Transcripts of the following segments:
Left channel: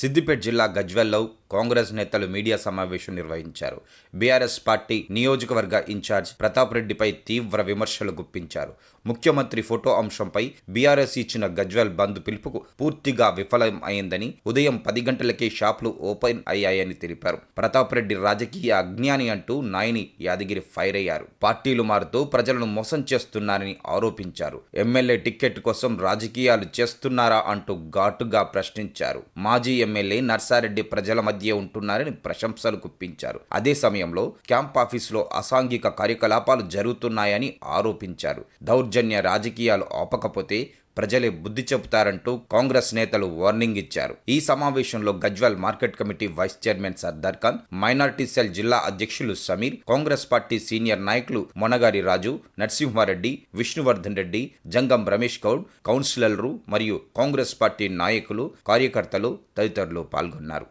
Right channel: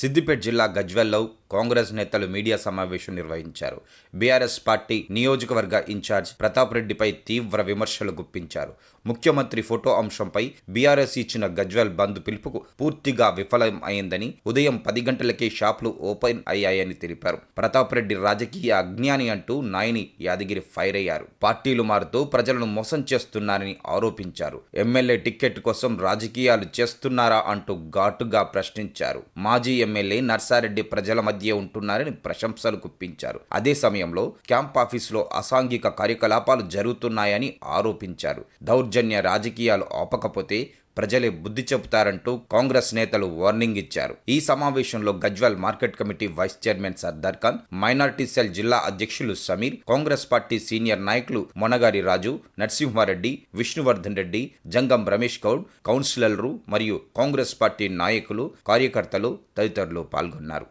సిద్దిపేట జిల్లా గజ్వేల్లో కాంగ్రెస్ నేతలు మీడియా సమావేశం నిర్వహించారు. బీఆర్ఎస్ పార్టీ నియోజకవర్గ ఇన్ఛార్జ్ ప్రతాప్ రెడ్డిపై తీవ్ర విమర్శలు గుప్పించారు. ముఖ్యమంత్రి ఫోటో అంశంపై బీఆర్ఎస్ ఇచ్చిన గజ్వేల్ బంద్ పిలుపుకు పూర్తిగా విఫలం అయిందని, ఉదయం 10 గంటలకే షాపులు ఓపెన్ అయ్యాయని తెలిపారు. ప్రతాప్ రెడ్డి రాజకీయ అజ్ఞాని అంటూ నాయని యాదగిరి ఫైర్ అయ్యారు. పార్టీలు మారుతూ ప్రజలను మోసం చేస్తున్నారని ఆరోపించారు. ఎమ్మెల్యే టిక్కెట్ కోసం రాజకీయాలు చేస్తున్నారా అంటూ ఘాటుగా ప్రశ్నించారు. మాజీ ఎమ్మెల్యే నర్సారెడ్డి ప్రజల మధ్య ఉంటున్నారని ప్రశంసలు గుప్పించారు. అదే సమయంలో క్యాంప్ ఆఫీసులో అసాంఘిక కార్యకలాపాలు జరుగుతున్నాయని ఆరోపించారు. దౌర్జన్య రాజకీయాలు ఆపకపోతే ప్రజలే బుద్ధి చెబుతారంటూ కాంగ్రెస్ నేతలు వార్నింగ్ ఇచ్చారు. ఈ సమావేశంలో Gajwel market committee vice chairman Sardar Khan, minority cell జిల్లా అధ్యక్షులు సమీర్, కాంగ్రెస్ పార్టీ సీనియర్ నాయకులు మొనగారి రాజు, నరసింహారెడ్డి, విష్ణువర్ధన్ రెడ్డి, జంగం రమేష్ గౌడ్, కౌన్సిలర్లు మరియు కాంగ్రెస్ పార్టీ నాయకులు, కార్యకర్తలు తదితరులు పాల్గొన్నారు.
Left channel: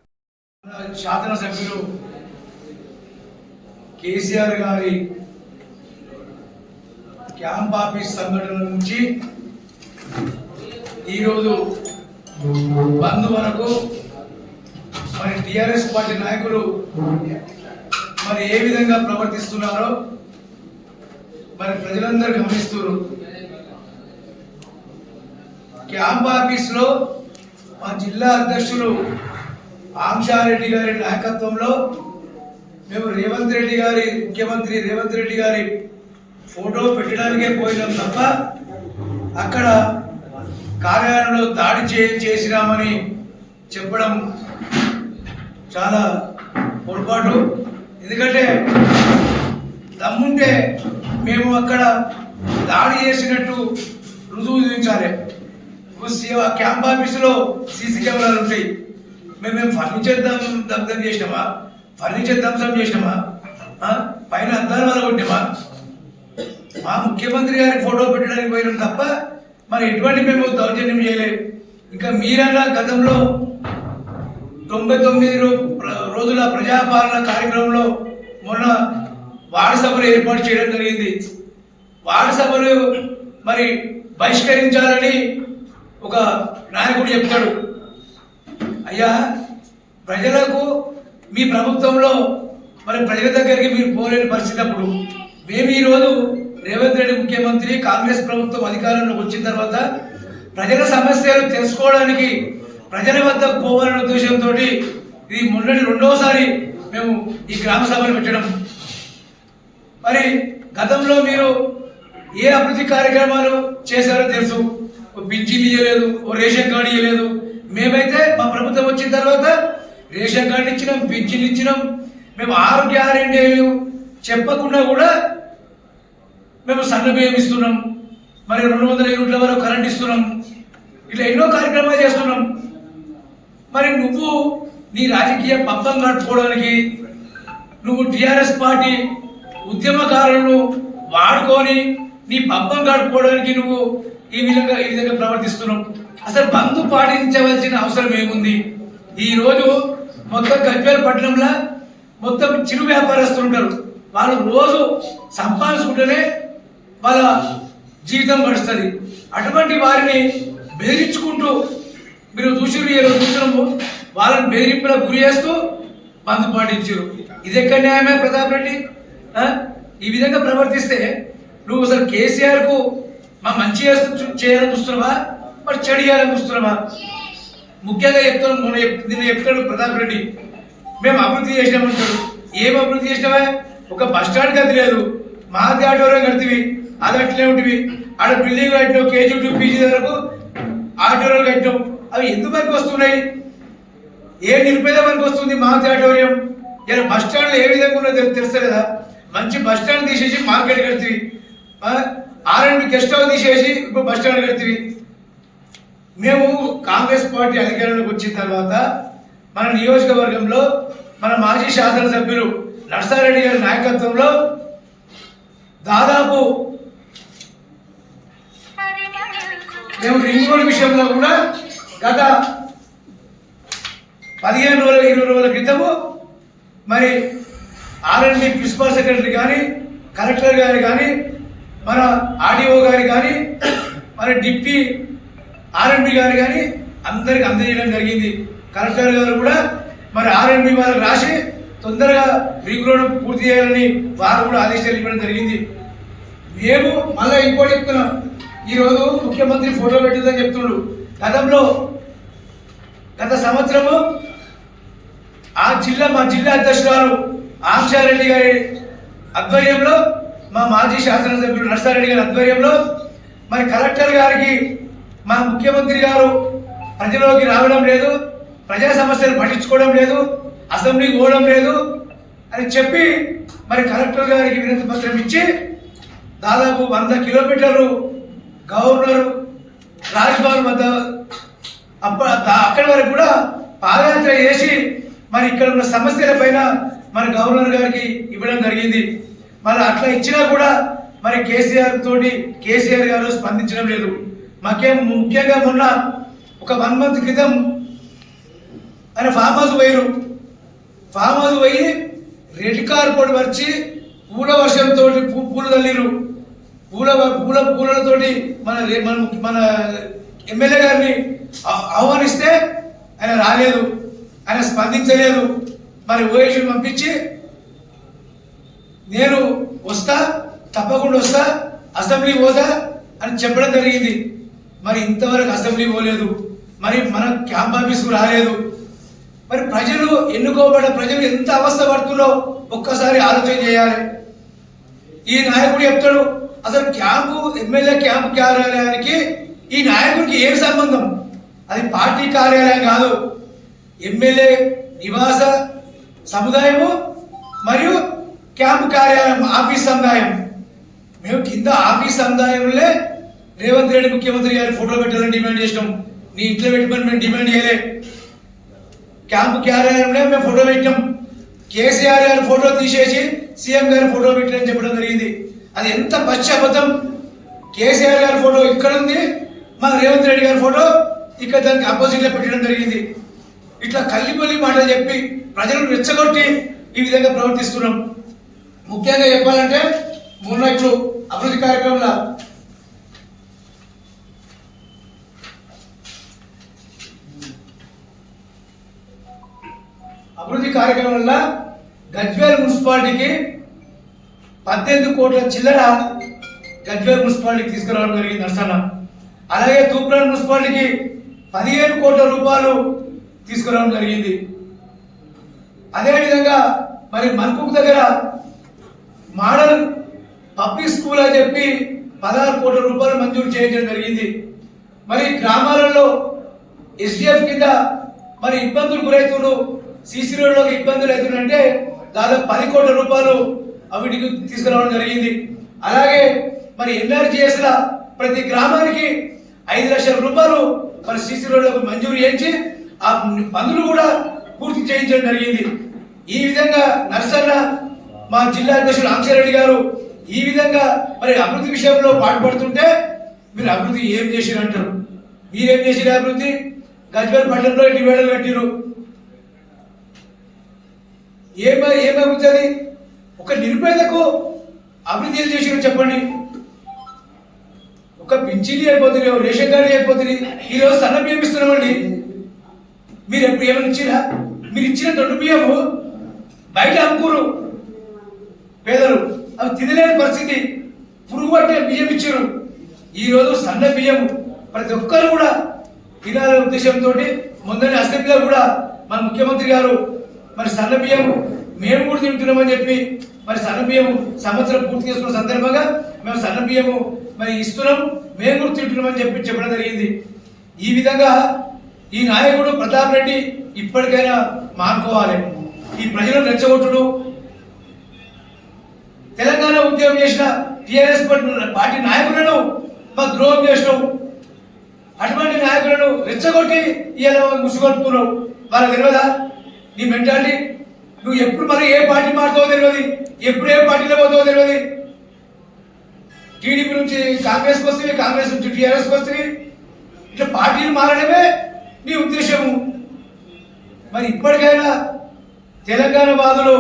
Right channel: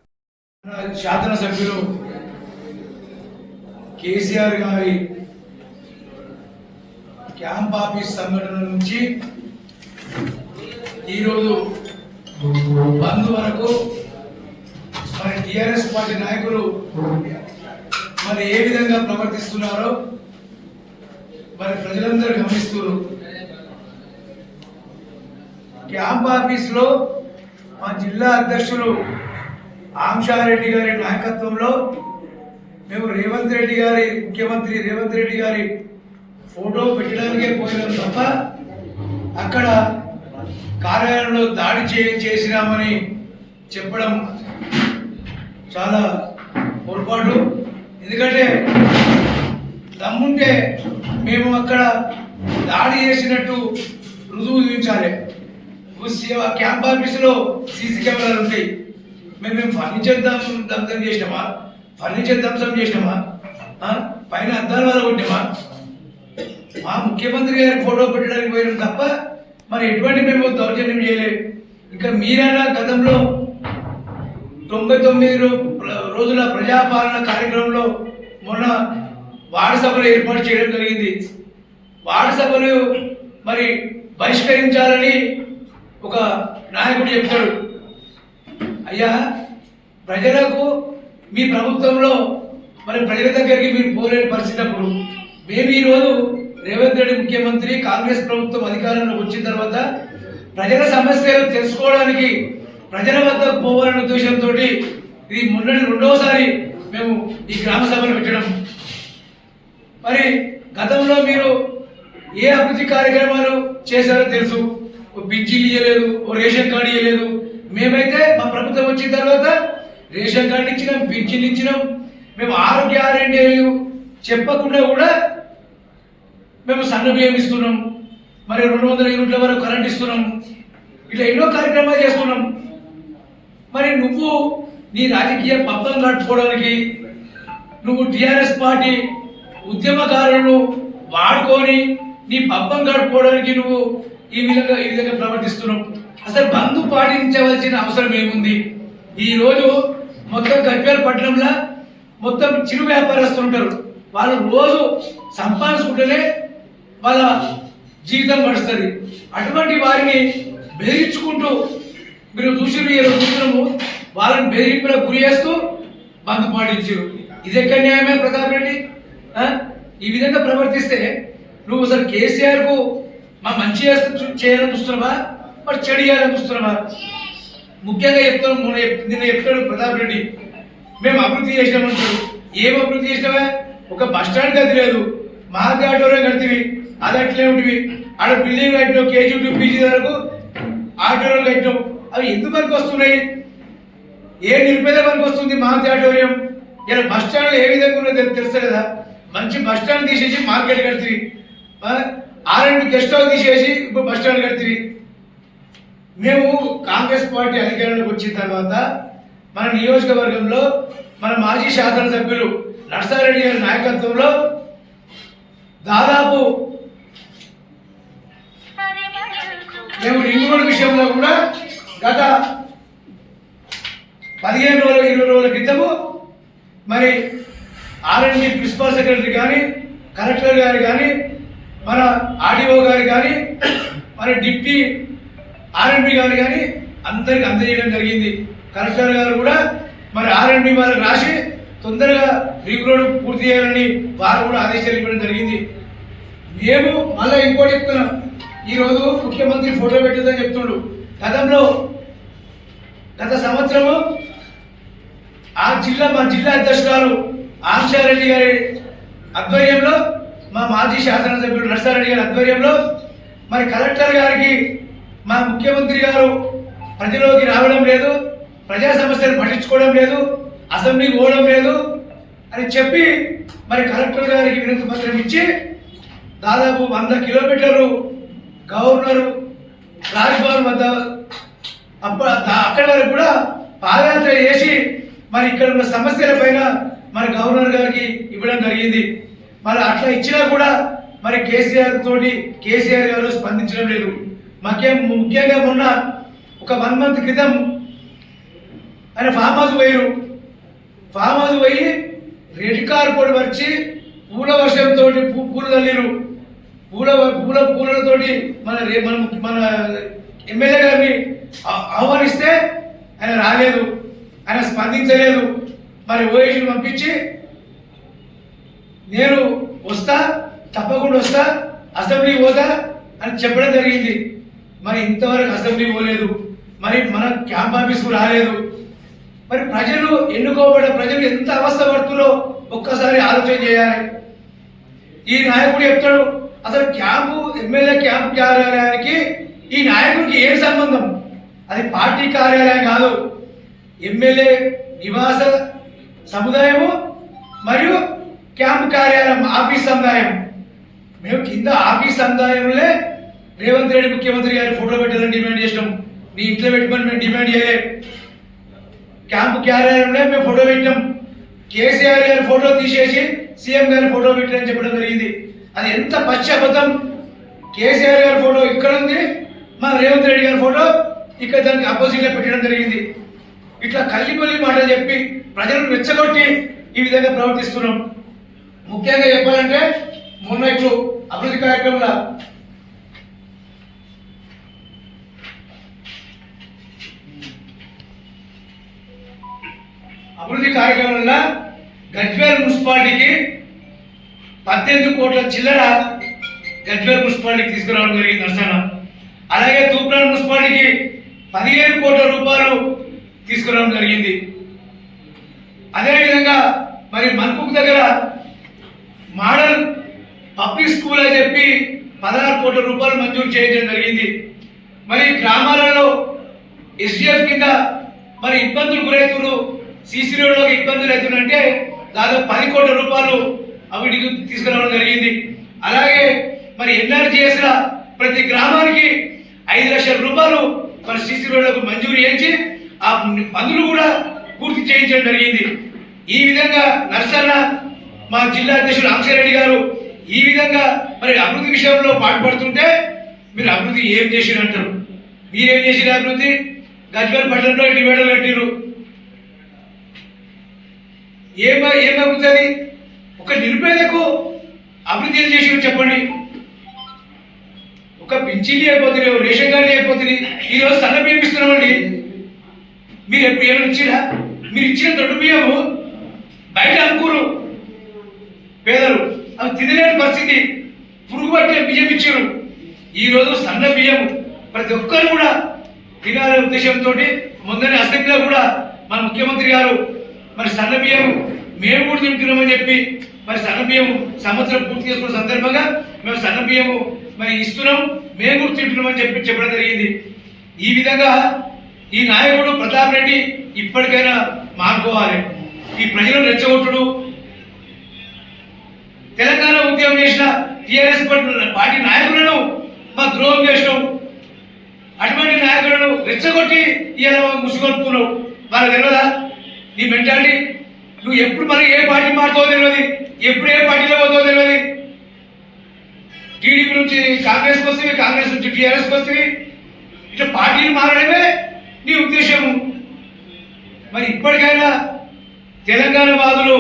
శాసనసభ్యులు కేసీఆర్ గారి క్యాంప్ ఆఫీస్ సంఘటన నుంచి ఈరోజు బంద్ వరకు మరి టీఆర్ఎస్ పార్టీ నాయకులు మరి ఏ విధంగా ప్రవర్తిస్తున్నారో మరి ప్రజలందరూ గమనిస్తున్నారు. క్యాంప్ ఆఫీస్లో మా జిల్లా అధ్యక్షులు ఆంక్షారెడ్డి గారి నాయకత్వంలో మేము ముఖ్యమంత్రి రేవంత్ రెడ్డి గారి ఫోటో పెట్టడానికే పోయినాం తప్ప అక్కడ కార్యాలయంలో దాడి చేసినామని చెప్పడం చాలా పొరపాటు. ఎందుకంటే దమ్ముంటే మేము అక్కడ దాడి చేసినట్టు రుజువు చూపించాలి. క్యాంప్ ఆఫీసులో సీసీ కెమెరాలు ఉంటాయి. మేము ఫర్నిచర్ ధ్వంసం చేసినామా? పైన అద్దాల వల్ల కొట్టినామా? మా ముఖ్యమంత్రి గారి ఫోటో పెట్టడానికి పోయినాం తప్ప మరి ఎటువంటి మేము దౌర్జన్యం చేయలేదు. ఇంకా మీరన్నా గతంలో 99 రోజుల ప్రజాపాలన కార్యక్రమంలో మొన్న వార్డు సభలు ఏర్పాటు చేయడం జరిగింది. వార్డు సభలు మరి బహిష్కరించాలని ఒక నాయకుడు చెప్తాడు. అయ్యా, ప్రజలకు మీ ప్రభుత్వంలో మరి ప్రజల దగ్గరికి మీరు పోలేని పరిస్థితి అప్పుడు మేము ఈరోజు రేవంత్ రెడ్డి ముఖ్యమంత్రి, కాంగ్రెస్ ప్రభుత్వం అధికారంలోకి వచ్చిన తర్వాత ప్రజల సమస్యలు తెలుసుకోవడానికి ప్రజల వద్దకు పోవాలనే ఉద్దేశంతో ఇది మొన్నటి 2వసారి మేము ఈ గ్రామ సభలు పెట్టడం. మరి గతంలో మీరు ఏ అభివృద్ధి కార్యక్రమాలు చేశారో తెలుసు. పింఛన్లు ఇవ్వలేదు, రేషన్ కార్డు ఇవ్వలేదు. మేమైతే మా ప్రభుత్వం వచ్చిన తర్వాత రేషన్ కార్డు ఇచ్చినాం, పింఛన్లు ఇచ్చినాం. మేము 6 గ్యారెంటీలు చెప్పకుండా కూడా మేము సన్న బియ్యం ఇస్తున్నాం, మరి 200 యూనిట్ల వరకు కరెంట్ ఇస్తున్నాం. ఇట్లా ఎన్నో కార్యక్రమాలు చేస్తున్నాం. మరి నువ్వు నీ రాజకీయ పబ్బం కట్టుకోవడానికి నువ్వు టీఆర్ఎస్ పార్టీ ఉద్యమకారులను వాడుకొని నీ పబ్బం కట్టుకోవడానికి నువ్వు ఈ విధంగా ప్రవర్తిస్తున్నావు. అసలు బంధు పాటించవలసిన అవసరం ఏముంది? ఈరోజు మొత్తం గజ్వేల్ పట్టణంలో మొత్తం చిరు వ్యాపారస్తులు ఉంటారు. వాళ్ళు రోజు సంపాదించుకుంటేనే వాళ్ళ జీవితం గడుస్తుంది. అటువంటి వారిని బెదిరించుకుంటూ మీరు చూసినాము, వాళ్ళని బెదిరింపులకు గురి చేస్తూ బంధు పాటించారు. ఇది ఎక్కడ న్యాయమే ప్రతాప్ రెడ్డి? ఈ విధంగా ప్రవర్తిస్తే నువ్వు అసలు కేసీఆర్కు మా మంచి చేయాలని చూస్తున్నావా, మరి చెడు చేయాలని చూస్తున్నావా? ముఖ్యంగా నిన్న చెప్తాడు ప్రతాప్ రెడ్డి, మేము అభివృద్ధి చేసినామంటాడు. ఏం అభివృద్ధి చేసినావా? ఒక బస్ స్టాండ్ గది లేదు, మహాది ఆటోరం కడితివి, అది అట్లే ఉంటుంది. ఆడ బిల్డింగ్ కట్టినావు, కేజీ టు పీజీ వరకు ఆటోరాలు కట్టినావు. అవి ఎందుకు పనికి వస్తున్నాయి? ఏ నిరుపేద పనికి వస్తుంది మహాది ఆటోరియం? ఇలా బస్ స్టాండ్లో ఏ విధంగా ఉన్నదో తెలుస్తలేదా? మంచి బస్ స్టాండ్ తీసేసి మార్కెట్ కడితివి, R&B గెస్ట్ హౌస్ తీసేసి ఇప్పుడు బస్ స్టాండ్ కడితివి. మేము కాంగ్రెస్ పార్టీ అధికారంలోకి వచ్చిన తర్వాత మన నియోజకవర్గంలో మన మాజీ శాసనసభ్యులు నర్సారెడ్డి గారి నాయకత్వంలో దాదాపు మేము రింగ్ రోడ్ విషయంలో కూడా గత 15 రోజుల 20 రోజుల క్రితము మరి R&B ప్రిన్సిపల్ సెక్రటరీ కానీ, కలెక్టర్ గారు కానీ, మన ఆర్డీఓ గారు కానీ, మన డిప్యూటీ R&B గారు కానీ అందరికి అందజేయడం జరిగింది. కలెక్టర్ గారు కూడా మరి R&B వాళ్ళకి రాసి తొందరగా రింగ్ రోడ్ పూర్తి చేయాలని వారు కూడా ఆదేశాలు ఇవ్వడం జరిగింది. మేము మళ్ళీ ఇంకోటి చెప్తున్నాం, ఈరోజు ముఖ్యమంత్రి ఫోటో పెట్టిందని చెప్తుండు. గత సంవత్సరము మా జిల్లా అధ్యక్షురాలు ఆంక్షారెడ్డి గారి ఆధ్వర్యంలో, మా మాజీ శాసనసభ్యులు నర్సారెడ్డి గారి ఆధ్వర్యంలో మరి కలెక్టర్ గారికి మా ముఖ్యమంత్రి గారు ప్రజలోకి రావడం లేదు, ప్రజా సమస్యలు పట్టించుకోవడం లేదు, అసెంబ్లీకి పోవడం లేదు అని చెప్పి మరి కలెక్టర్ గారికి వినతి పత్రం ఇచ్చి దాదాపు 100 కిలోమీటర్లు గవర్నర్ రాజ్భవన్ వద్ద అక్కడి వరకు కూడా పాదయాత్ర చేసి మరి ఇక్కడ ఉన్న సమస్యల పైన మరి గవర్నర్ గారికి ఇవ్వడం జరిగింది. మరి అట్లా ఇచ్చినా కూడా మరి కేసీఆర్ గారు స్పందించడం లేదు. ముఖ్యంగా మొన్న ఒక 1 మంత్ క్రితం ఆయన ఫామ్ హౌస్ పోయి రెడ్ కార్పెట్ పరిచి పూల వర్షంతో పూలు తల్లిరు. పూలతోటి మన ఎమ్మెల్యే గారిని ఆహ్వానిస్తే ఆయన రాలేదు, ఆయన స్పందించలేదు. మరి ఓఎస్ని పంపించి నేను తప్పకుండా వస్తా, అసెంబ్లీ పోతా అని చెప్పడం జరిగింది. మరి ఇంతవరకు అసెంబ్లీ పోలేదు, మరి మన క్యాంప్ ఆఫీస్కు రాలేదు. మరి ప్రజలు ఎన్నుకోబడ్డ ప్రజలు ఎంత అవస్థ పడుతుందో ఒక్కసారి ఆలోచన చేయాలి. ఈ నాయకుడు చెప్తాడు, అసలు ఎమ్మెల్యే క్యాంపు కార్యాలయానికి ఈ నాయకుడికి ఏ సంబంధం? అది పార్టీ కార్యాలయం కాదు, ఎమ్మెల్యే నివాస సముదాయము మరియు క్యాంపు కార్యాలయం, ఆఫీస్ సముదాయం. మేము కింద ఆఫీస్ సముదాయంలో రేవంత్ రెడ్డి ముఖ్యమంత్రి గారి ఫోటో పెట్టాలని డిమాండ్ చేసినాం. నీ ఇంట్లో పెట్టమని మేము డిమాండ్ చేయలే. క్యాంపు కార్యాలయంలో మేము ఫోటో పెట్టాం. కేసీఆర్ గారి ఫోటో తీసేసి సీఎం గారి ఫోటో పెట్టారని చెప్పడం జరిగింది. అది ఎంత పశ్చాత్తాపం. కేసీఆర్ గారి ఫోటో ఇక్కడ ఉంది, మన రేవంత్ రెడ్డి గారి ఫోటో ఇక్కడ దానికి ఆపోజిట్లో పెట్టడం జరిగింది. ఇట్లా కల్లిపల్లి మాటలు చెప్పి ప్రజలను రెచ్చగొట్టి ఈ విధంగా ప్రవర్తిస్తున్నాం. ముఖ్యంగా చెప్పాలంటే మొన్న ఇట్లు అభివృద్ధి కార్యక్రమంలో గజ్వేల్ మున్సిపాలిటీకి 18 కోట్ల చిల్లర గజ్వేల్ మున్సిపాలిటీకి తీసుకురావడం జరిగింది నర్సన్న. అలాగే తూప్రాన్ మున్సిపాలిటీకి 15 కోట్ల రూపాయలు తీసుకురావడం జరిగింది. అదేవిధంగా మరి మన్పూక్ దగ్గర మోడల్ పబ్లిక్ స్కూల్ అని చెప్పి 16 కోట్ల రూపాయలు మంజూరు చేయడం జరిగింది. మరి గ్రామాలలో SDF కింద మరి ఇబ్బందులు గురవుతున్నారు, సీసీ రోడ్లోకి ఇబ్బందులు అవుతున్నాయంటే దాదాపు 10 కోట్ల రూపాయలు అవిటికి తీసుకురావడం జరిగింది. అలాగే మరి NRGS ప్రతి గ్రామానికి 5 లక్షల రూపాయలు మరి సీసీ రోడ్లకు మంజూరు చేయించి ఆ పనులు కూడా పూర్తి చేయించడం జరిగింది. ఈ విధంగా నర్సన్న మా జిల్లా అధ్యక్షుడు ఆంక్షరెడ్డి గారు ఈ విధంగా మరి అభివృద్ధి విషయంలో పాటుపడుతుంటే మీరు అభివృద్ధి ఏం చేసిరు అంటారు. మీరేం చేసిరు అభివృద్ధి? గజ్వేల్ పట్టణంలో డివైడర్లు కట్టిరు, ఏమవుతుంది? ఒక నిరుపేదకు అభివృద్ధి ఏం చేసి చెప్పండి. ఒక పింఛన్ అయిపోతుంది, రేషన్ కార్డు అయిపోతుంది. ఈరోజు సన్న బియ్యం ఇస్తున్నామండి. మీరు ఎప్పుడు ఏమైనా ఇచ్చిరా? మీరు ఇచ్చిన దొడ్డు బియ్యము బయట అమ్ముకురు పేదలు, అవి తినలేని పరిస్థితి. పురుగు పట్టిన బియ్యం ఇచ్చారు. ఈరోజు సన్న బియ్యం ప్రతి ఒక్కరు కూడా తినాలనే ఉద్దేశంతో మొన్ననే అసెంబ్లీలో కూడా మన ముఖ్యమంత్రి గారు మరి సన్న బియ్యం మేము కూడా తింటున్నామని చెప్పి మరి సన్న బియ్యం సంవత్సరం పూర్తి చేసుకున్న సందర్భంగా మేము సన్న బియ్యము మరి ఇస్తున్నాం, మేము కూడా తింటున్నామని చెప్పడం జరిగింది. ఈ విధంగా ఈ నాయకుడు ప్రతాప్ రెడ్డి ఇప్పటికైనా మానుకోవాలి. ఈ ప్రజలను రెచ్చగొట్టుడు, తెలంగాణ ఉద్యమం చేసిన టీఆర్ఎస్ పార్టీ నాయకులను మాకు ద్రోహం చేసినావు. అటువంటి నాయకులను రెచ్చగొట్టి ఇలా ముసుగొడుతున్నావు. వాళ్ళకి తెలియదా నీ మెంటాలిటీ? నువ్వు ఎప్పుడు మరి ఏ పార్టీ మారుతావో తెలియదు, ఎప్పుడు ఏ పార్టీలో పోతావో తెలియదు. టీడీపీ నుంచి కాంగ్రెస్కి వస్తుంది, కాంగ్రెస్ నుంచి టీఆర్ఎస్కి వస్తుంది. ఇట్లా పార్టీలు మారడమే నీ ఉద్దేశము. మరి ఇప్పటికైనా తెలంగాణ వాదులు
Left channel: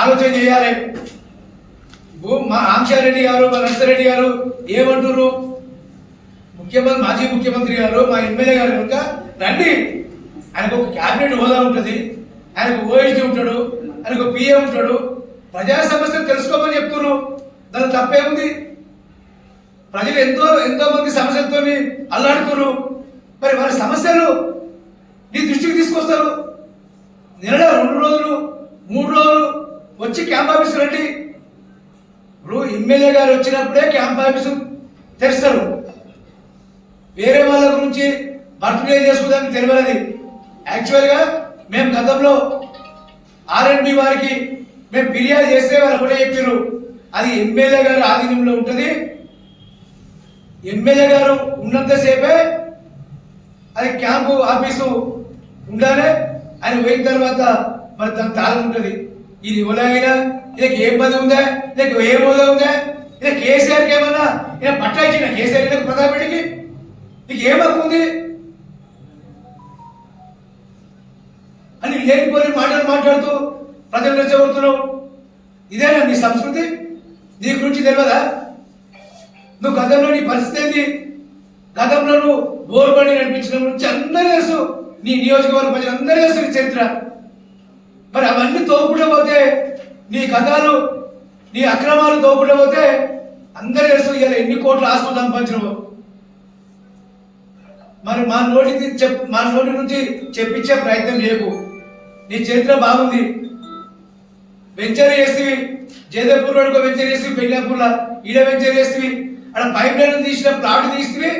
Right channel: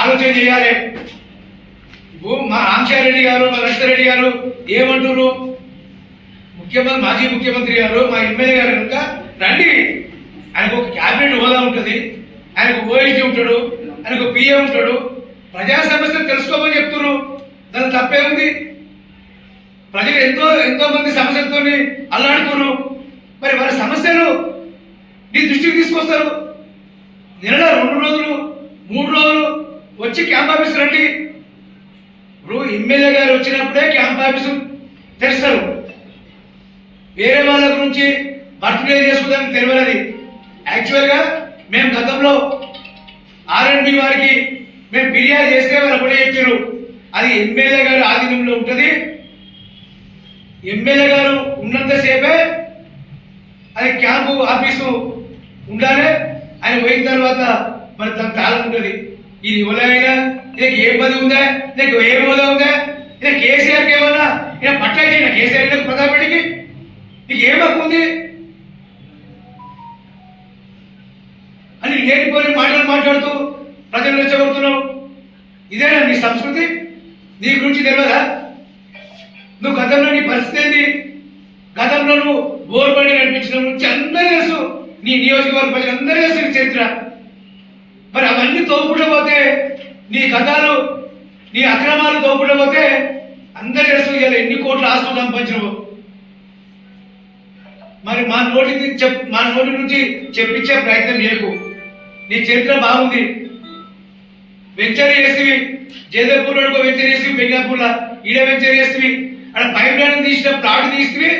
ఆలోచన చేయాలి. మా ఆంక్షారెడ్డి గారు, మా నర్సారెడ్డి గారు ఏమంటారు? మాజీ ముఖ్యమంత్రి గారు, మా ఎమ్మెల్యే గారు కనుక రండి, ఆయనకు ఒక క్యాబినెట్ హోదా ఉంటుంది, ఆయనకు ఓఎస్డీ ఉంటాడు, ఆయనకు పిఏ ఉంటాడు. ప్రజా సమస్యలు తెలుసుకోమని చెప్తున్నారు, దాని తప్పేముంది? ప్రజలు ఎంతో మంది సమస్యలతో అల్లాడుతున్నారు. మరి వాళ్ళ సమస్యలు నీ దృష్టికి తీసుకొస్తారు. నెల 2 రోజులు 3 రోజులు వచ్చి క్యాంప్ ఆఫీస్ రండి. ఇప్పుడు ఎమ్మెల్యే గారు వచ్చినప్పుడే క్యాంప్ ఆఫీసు తెరుస్తారు. వేరే వాళ్ళ గురించి బర్త్డే చేసుకోవడానికి తెలియదు. యాక్చువల్గా మేము గతంలో ఆర్ఎండ్బి వారికి మేము ఫిర్యాదు చేస్తే వాళ్ళు కూడా చెప్పారు, అది ఎమ్మెల్యే గారు ఆధీనంలో ఉంటుంది, ఎమ్మెల్యే గారు ఉన్నంతసేపే అది క్యాంపు ఆఫీసు ఉండాలి, ఆయన పోయిన తర్వాత మరి దాని తాళం ఉంటుంది. ఇది ఎవరైనా ఇక ఏ పది ఉందా, ఇక ఏ హోదా ఉందా, ఇక కేసీఆర్కి ఏమన్నా ఇక పట్టా ఇచ్చిన కేసీఆర్ ప్రతాప్ రెడ్డికి నీకు ఏం హక్కు ఉంది అని లేనిపోని మాటలు మాట్లాడుతూ ప్రజలు రెచ్చగొడుతున్నావు. ఇదేనా నీ సంస్కృతి? నీ గురించి తెలియదా? నువ్వు గతంలో నీ పరిస్థితి ఏంటి? గతంలో నువ్వు బోర్బడి నడిపించిన నుంచి అందరూ తెలుసు, నీ నియోజకవర్గ ప్రజలు అందరూ తెలుసు నీ చరిత్ర. మరి అవన్నీ తోపుకుంటూ పోతే, నీ కథలు నీ అక్రమాలు తోపుకుంటూ పోతే అందరూ తెలుసు ఇలా ఎన్ని కోట్ల ఆస్తులు సంపాదించినవు. మరి మా నోటి నుంచి చెప్పించే ప్రయత్నం చేయకు. నీ చరిత్ర బాగుంది. వెంచర్ చేస్తేవి జయదేవ్పూర్లో వెంచర్ చేస్తేవి, బెంగాపూర్లో ఈడ వెంచర్ చేస్తేవి, అక్కడ పైప్ లైన్ తీసిన ప్లాట్ తీస్తేవి,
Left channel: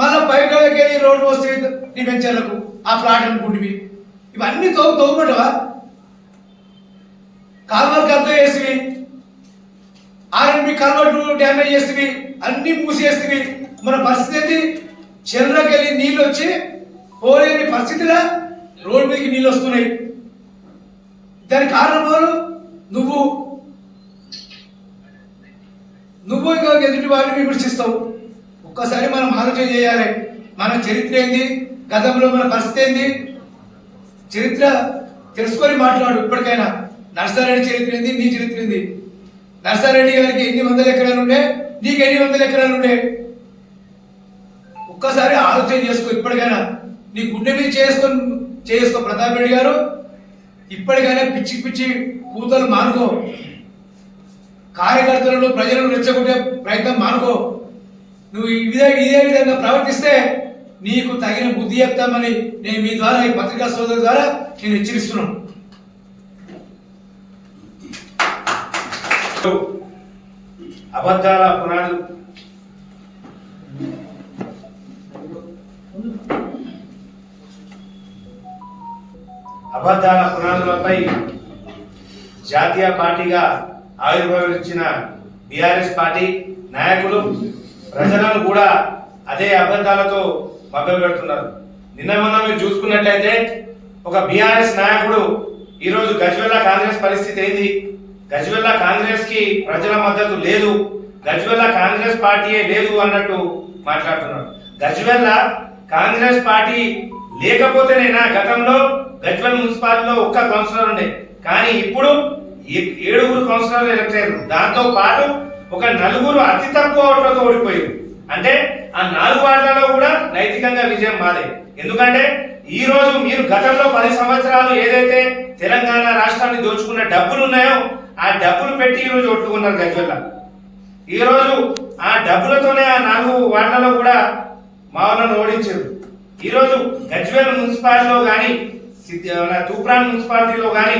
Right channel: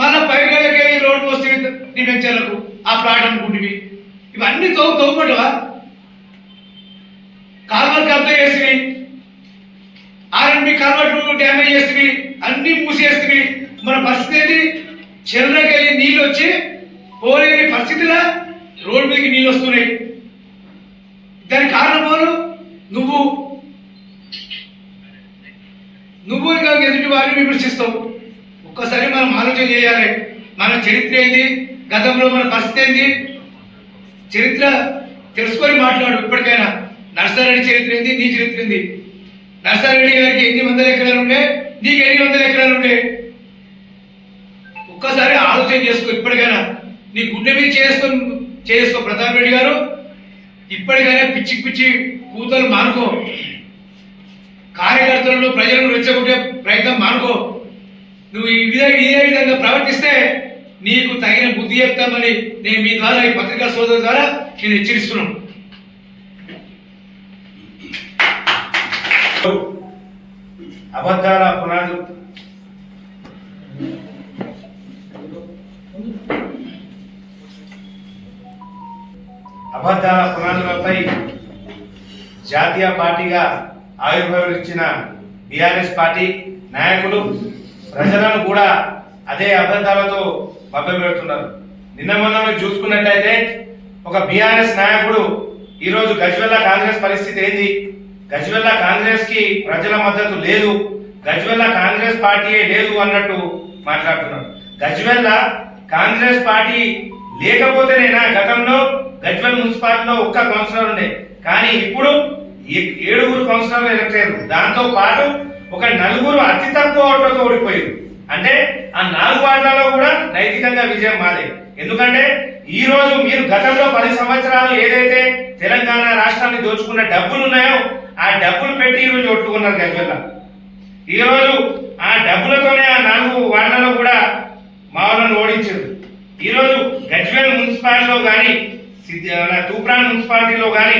మళ్ళీ పైప్ లైన్కి వెళ్ళి రోడ్డు వస్తేవి నీ వెంచర్లకు ఆ ప్లాట్ అనుకుంటువి. ఇవన్నీ తోగుపడవా? కాలువలు కబ్జా చేస్తేవి, ఆర్ఎండ్బి కాలువలు డ్యామేజ్ చేస్తేవి, అన్ని మూసేస్తేవి. మన పరిస్థితి ఏంటి? చెర్లకి వెళ్ళి నీళ్ళు వచ్చి పోలేని పరిస్థితిలా రోడ్డు మీదకి నీళ్ళు వస్తున్నాయి. దానికి కారణం ఎవరు? నువ్వు ఇంకా ఎదుటి వారిని విమర్శిస్తావు. ఒక్కసారి మనం ఆలోచన చేయాలి. మన చరిత్ర ఏంది, గతంలో మన పరిస్థితి ఏంది, చరిత్ర తెలుసుకొని మాట్లాడు. ఇప్పటికైనా నర్సారెడ్డి చరిత్ర ఏంది, నీ చరిత్ర ఏంది? నర్సారెడ్డి గారికి ఎన్ని వందల ఎకరాలు ఉండే, నీకు ఎన్ని వందల ఎకరాలు ఉండే? ఒక్కసారి ఆలోచన చేసుకో. ఇప్పటికైనా నీ గుండె మీద చేసుకో ప్రతాప్ రెడ్డి గారు. ఇప్పటికైనా పిచ్చి పిచ్చి కూతలు మానుకో. కార్యకర్తలను ప్రజలను రెచ్చగొట్టే ప్రయత్నం మానుకో. నువ్వు ఇదే విధంగా ప్రవర్తిస్తే నీకు తగిన బుద్ధి చెప్తామని నేను మీ ద్వారా, ఈ పత్రికా సోదరుల ద్వారా నేను హెచ్చరిస్తున్నాను. అబద్ధాల పునాదులు అబద్ధాల పునాదులపై జాతీయ పార్టీగా ఆవిర్భవించిన బీఆర్ఎస్ పార్టీ నాయకులు ప్రజలను కూడా అదే అబద్ధాలతో మభ్యపెడుతున్నారు. నిన్న మొన్న మీరు చూసుకున్నట్లయితే ఒక బీఆర్ఎస్ నాయకుడు ఈరోజు గజ్వెల్ల కాంగ్రెస్ పరిస్థితి ఏంది, గజ్వెల్ల కాంగ్రెస్ కి ప్రజల మద్దతు లేదు, గజ్వెల్ల కాంగ్రెస్ పార్టీయే లేదు అన్నట్టు మాట్లాడుతున్నారు. గజ్వెల్ల కాంగ్రెస్ పార్టీ లేకపోతేనైనా గతంలో గజ్వెల్ మున్సిపాలిటీలో ఒక్క కౌన్సిలర్ ఉండే, కానీ ఇప్పుడు 7 కౌన్సిలర్లు ఎలక్ట్ అయ్యారు. దాంతో పాటు ఒక 4 అతి తక్కువ ఓట్లతో ఓడిపోయారు. అంటే ఆ 4 వార్డులలో కూడా నైతికంగా విజయం మాదే. ఎందుకంటే ఈ రోజు మీరు గతంలో 10 సంవత్సరాలు ఏదైతే తెలంగాణ రాష్ట్రాన్ని దోచుకున్న డబ్బులు ఉన్నాయో ఆ డబ్బులు పెట్టి ఈ రోజు ఒట్టుకున్నారు గజ్వెల్ల. ఈ రోజు ఆ డబ్బులతోనే ఆ 4 వార్డులలో కూడా మా వాళ్ళని ఓడించారు. ఈ రోజు గజ్వెల్ మున్సిపాలిటీలో కానీ తూప్రాన్ మున్సిపాలిటీలో కానీ